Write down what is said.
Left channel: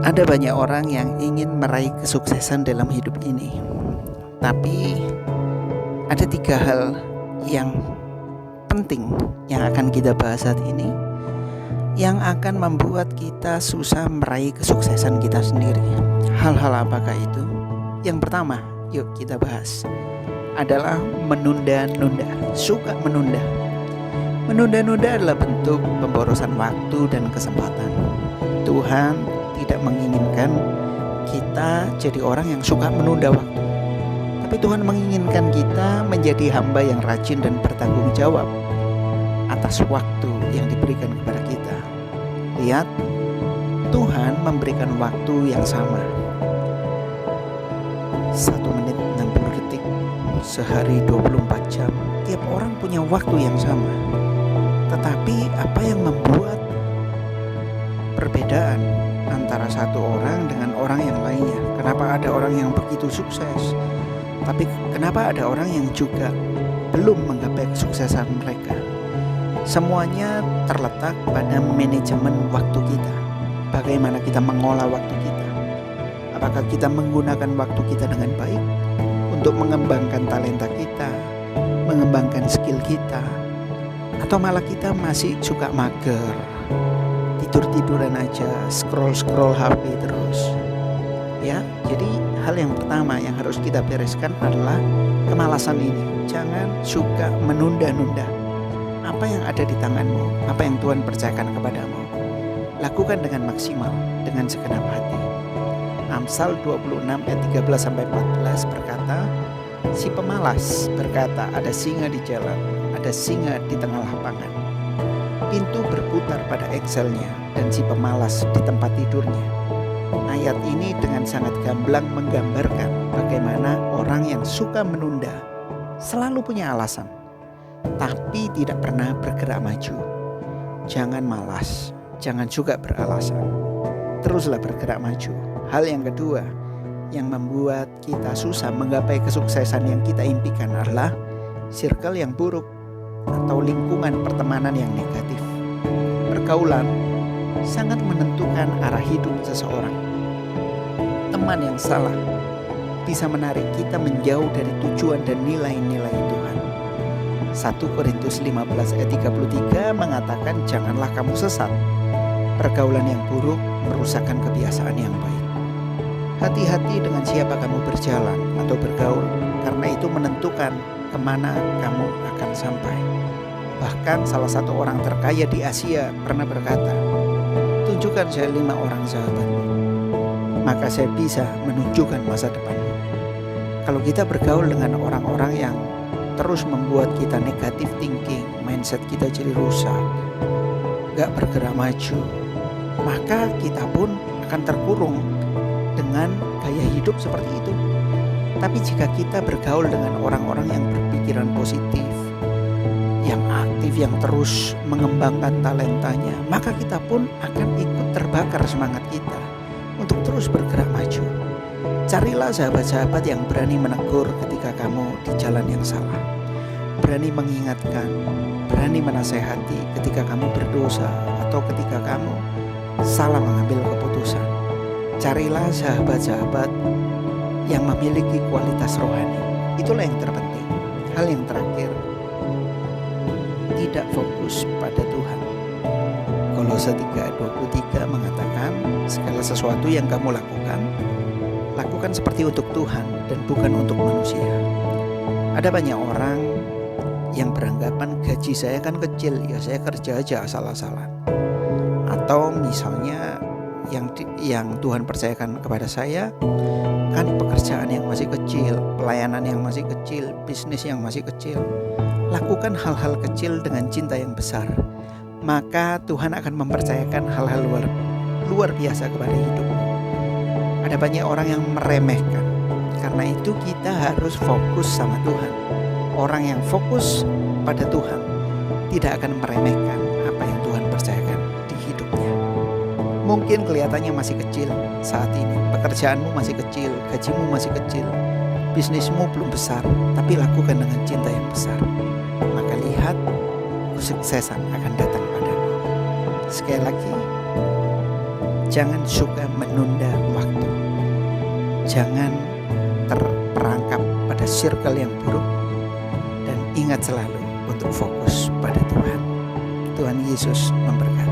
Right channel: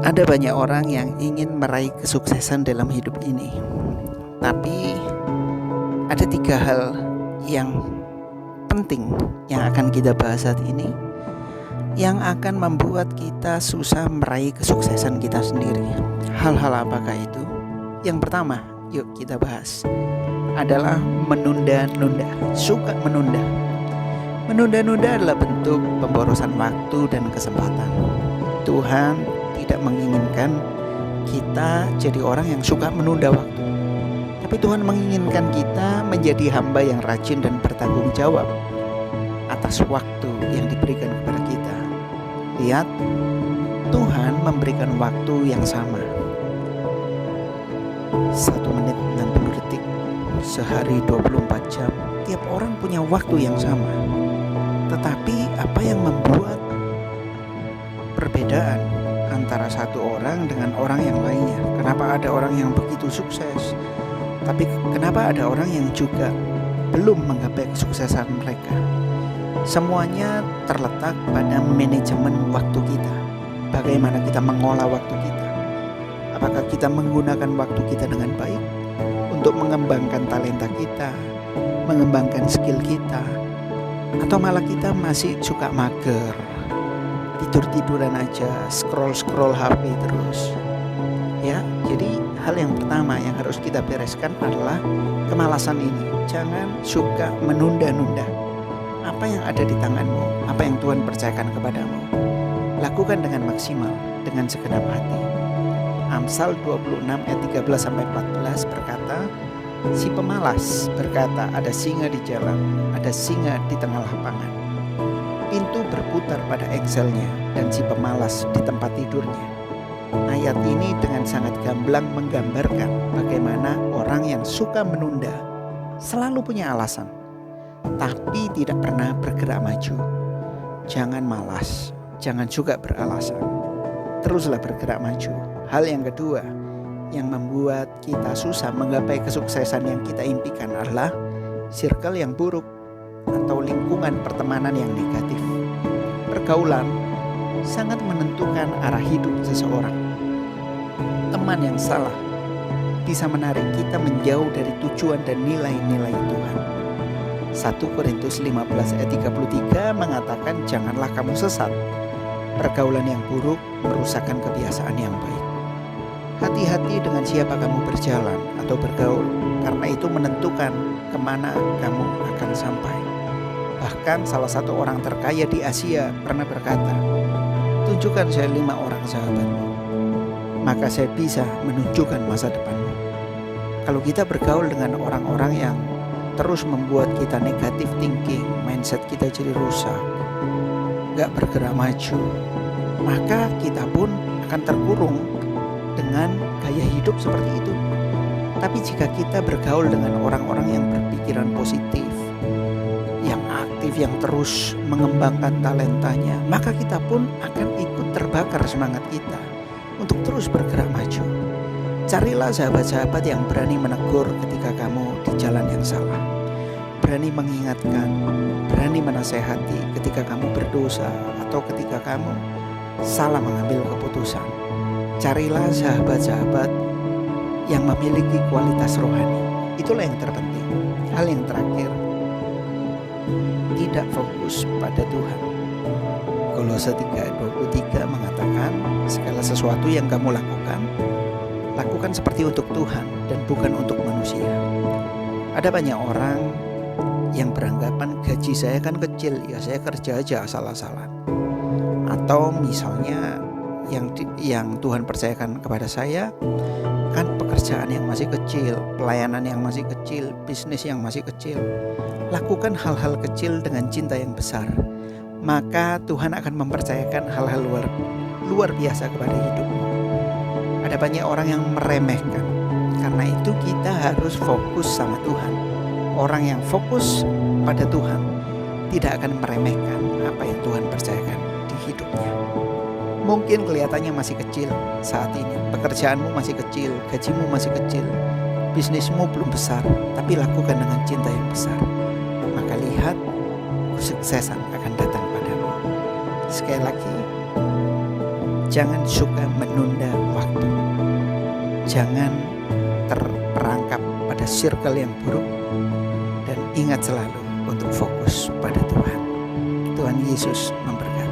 Ada banyak orang yang ingin meraih kesuksesan dalam hidup ini, tapi ada 3 hal yang penting yang akan kita bahas saat ini, yang akan membuat kita susah meraih kesuksesan kita sendiri. Hal-hal apakah itu? Yang pertama, yuk kita bahas, adalah menunda-nunda. Suka menunda. Menunda-nunda adalah bentuk pemborosan waktu dan kesempatan. Tuhan tidak menginginkan kita jadi orang yang suka menunda waktu, tapi Tuhan menginginkan kita menjadi hamba yang rajin dan bertanggung jawab atas waktu yang diberikan kepada kita. Lihat, Tuhan memberikan waktu yang sama, 1 menit 60 detik, sehari 24 jam. Tiap orang punya waktu yang sama, tetapi apa yang membuat perbedaan antara satu orang dengan orang yang lainnya? Kenapa ada orang yang begitu sukses, tapi kenapa ada orang yang juga belum menggapai kesuksesan mereka? Semuanya terletak pada manajemen waktu kita. Bagaimana kita mengolah waktu kita? Apakah kita menggunakan waktu kita dengan baik untuk mengembangkan talenta kita, mengembangkan skill kita, atau malah kita masih suka mager, tidur-tiduran aja, scroll HP terus. Ya, jadi hal yang pertama yang harus kita bereskan adalah kemalasan ini. Jangan suka menunda-nunda. Apa yang ada di tanganmu, apa yang Tuhan percayakan kepadamu, lakukan dengan maksimal, dengan segenap hati. Amsal 26 ayat 13-14 berkata, si pemalas berkata, ada singa di jalan, ada singa di tengah lapangan. Pintu berputar pada engselnya dan si pemalas di tempat tidurnya. Ayat ini dengan sangat gamblang menggambarkan bagaimana orang yang suka menunda selalu punya alasan, tapi tidak pernah bergerak maju. Jangan malas, jangan juga beralasan, teruslah bergerak maju. Hal yang kedua yang membuat kita susah menggapai kesuksesan yang kita impikan adalah circle yang buruk atau lingkungan pertemanan yang negatif. Pergaulan sangat menentukan arah hidup seseorang. Teman yang salah bisa menarik kita menjauh dari tujuan dan nilai-nilai Tuhan. 1 Korintus 15 ayat 33 mengatakan, janganlah kamu sesat. Pergaulan yang buruk merusakkan kebiasaan yang baik. Hati-hati dengan siapa kamu berjalan atau bergaul, karena itu menentukan kemana kamu akan sampai. Bahkan salah satu orang terkaya di Asia pernah berkata, tunjukkan saya 5 orang sahabatmu, maka saya bisa menunjukkan masa depanmu. Kalau kita bergaul dengan orang-orang yang terus membuat kita negatif thinking, mindset kita jadi rusak, gak bergerak maju, maka kita pun akan terkurung dengan gaya hidup seperti itu. Tapi jika kita bergaul dengan orang-orang yang berpikiran positif, yang aktif, yang terus mengembangkan talentanya, maka kita pun akan ikut terbakar semangat kita untuk terus bergerak maju. Carilah sahabat-sahabat yang berani menegur ketika kamu di jalan yang salah, berani mengingatkan, berani menasehati ketika kamu berdosa atau ketika kamu salah mengambil keputusan. Carilah sahabat-sahabat yang memiliki kualitas rohani. Itulah yang terpenting. Hal yang terakhir, tidak fokus pada Tuhan. Kolose 3:23 mengatakan, segala sesuatu yang kamu lakukan, lakukan seperti untuk Tuhan dan bukan untuk manusia. Ada banyak orang yang beranggapan gaji saya kan kecil, ya saya kerja aja asal-asalan. Atau misalnya yang Tuhan percayakan kepada saya kan pekerjaan yang masih kecil, pelayanan yang masih kecil, bisnis yang masih kecil. Lakukan hal-hal kecil dengan cinta yang besar, maka Tuhan akan mempercayakan hal-hal luar biasa kepada hidupmu. Ada banyak orang yang meremehkan, karena itu kita harus fokus sama Tuhan. Orang yang fokus pada Tuhan tidak akan meremehkan apa yang Tuhan percayakan di hidupnya. Mungkin kelihatannya masih kecil saat ini, pekerjaanmu masih kecil, gajimu masih kecil, bisnismu belum besar, tapi lakukan dengan cinta yang besar. Maka lihat, kesuksesan akan datang padamu. Sekali lagi, Jangan suka menunda waktu. Jangan terperangkap pada circle yang buruk, dan ingat selalu untuk fokus pada Tuhan. Tuhan Yesus memberkati.